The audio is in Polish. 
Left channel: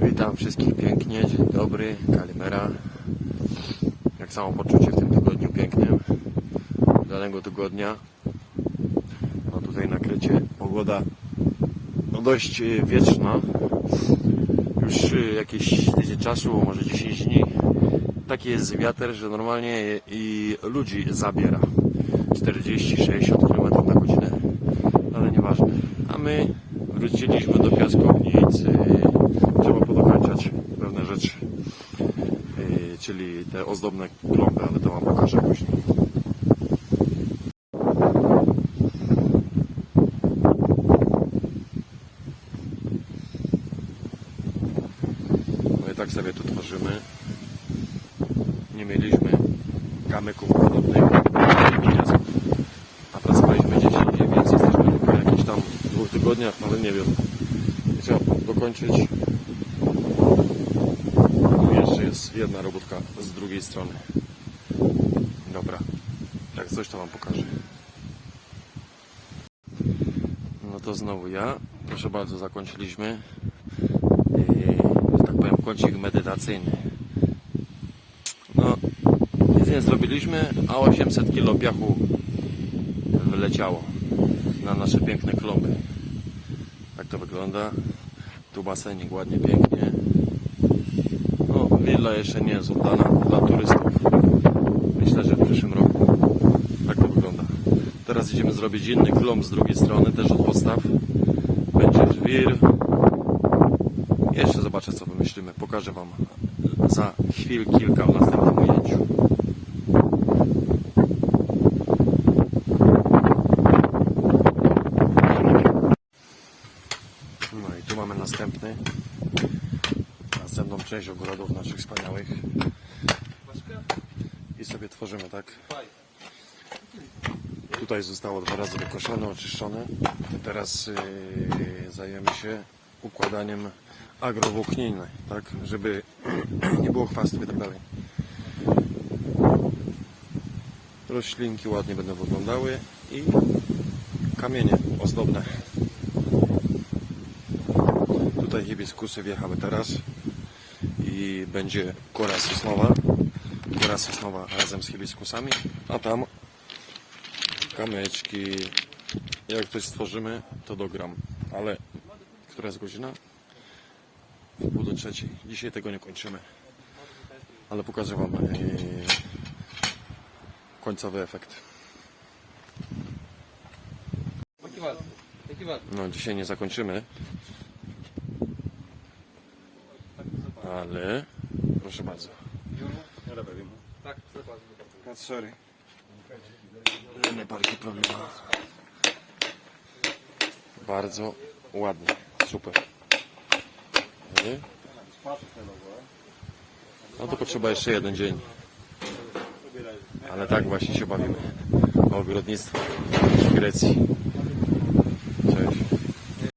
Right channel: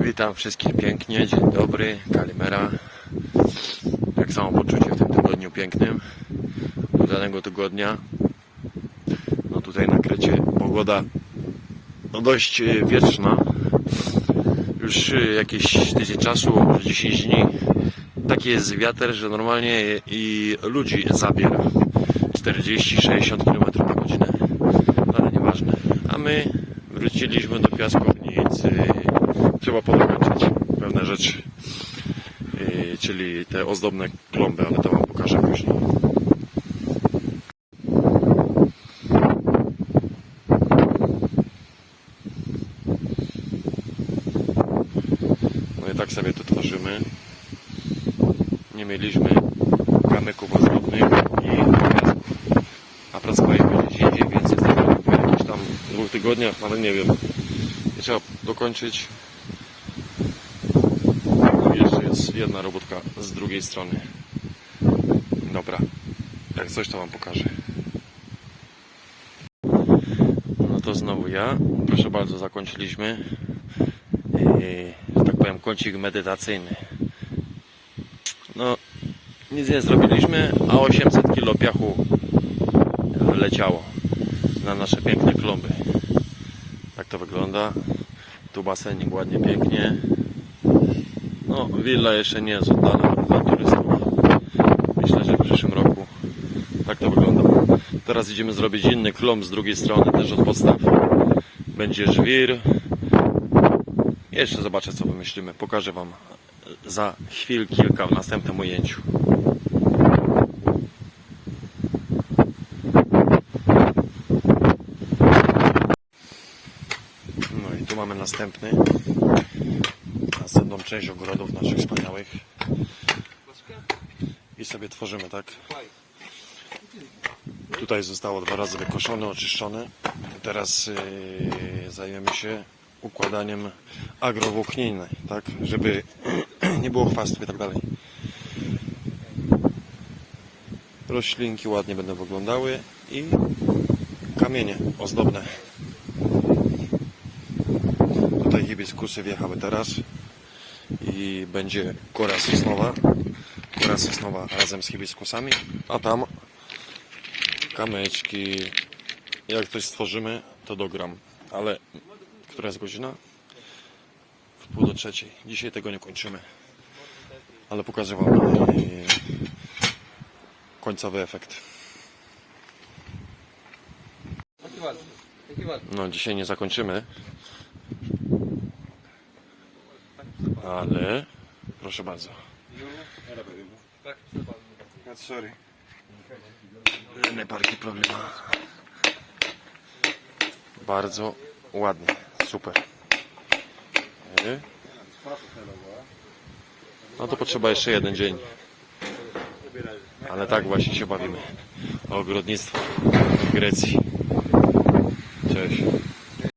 Witam wszystkich pięknie, dzień dobry, Kalimera. Jak samo poczucie w tym tygodniu pięknym, udanego tygodnia. No tutaj na Krecie pogoda no dość e, wietrzna. Już e, jakieś tydzień czasu, może 10 dni. Taki jest wiatr, że normalnie i ludzi zabiera. 40-60 km na godzinę. Ale nieważne. A my wróciliśmy do piaskownicy. Trzeba podokończyć pewne rzeczy. Yy, czyli te ozdobne klomby, ale to wam pokażę później. No i tak sobie tu tworzymy. Nie mieliśmy kamyków ozdobnych, tygodniach, ale nie wiem. I trzeba dokończyć. I jeszcze jest jedna robótka z drugiej strony. Dobra, jak coś to wam pokażę. No to znowu ja. Proszę bardzo, zakończyliśmy. Yy, że tak powiem, kącik medytacyjny. No, nic nie zrobiliśmy, a 800 kilo piachu wleciało na nasze piękne klomby. To wygląda. Tu basenik ładnie, pięknie. No, willa jeszcze nie jest oddana dla turystów. Myślę, że w przyszłym roku tak to wygląda. Teraz idziemy zrobić inny klomb z drugiej strony, też od podstaw. Będzie żwir. Jeszcze zobaczę, co wymyślimy. Pokażę Wam za chwil kilka w następnym ujęciu. No i tu mamy następny. Następną część ogrodów naszych wspaniałych. I sobie tworzymy, tak? Tutaj zostało dwa razy wykoszone, oczyszczone. Teraz yy, zajmiemy się układaniem agrowłókniny, tak? Żeby nie było chwastów i tak dalej. Roślinki ładnie będą wyglądały i kamienie ozdobne. Hibiskusy wjechały teraz i będzie kora sosnowa. Kora sosnowa razem z hibiskusami, a tam kamyczki. Jak coś stworzymy, to dogram. Ale która jest godzina? W pół do trzeciej. Dzisiaj tego nie kończymy. Ale pokażę Wam końcowy efekt. No, dzisiaj nie zakończymy. Ale proszę bardzo. Sorry. Nie parki problema. Bardzo ładnie. Super. No to potrzeba jeszcze jeden dzień. Ale tak właśnie się bawimy. Ogrodnictwo w Grecji. Cześć.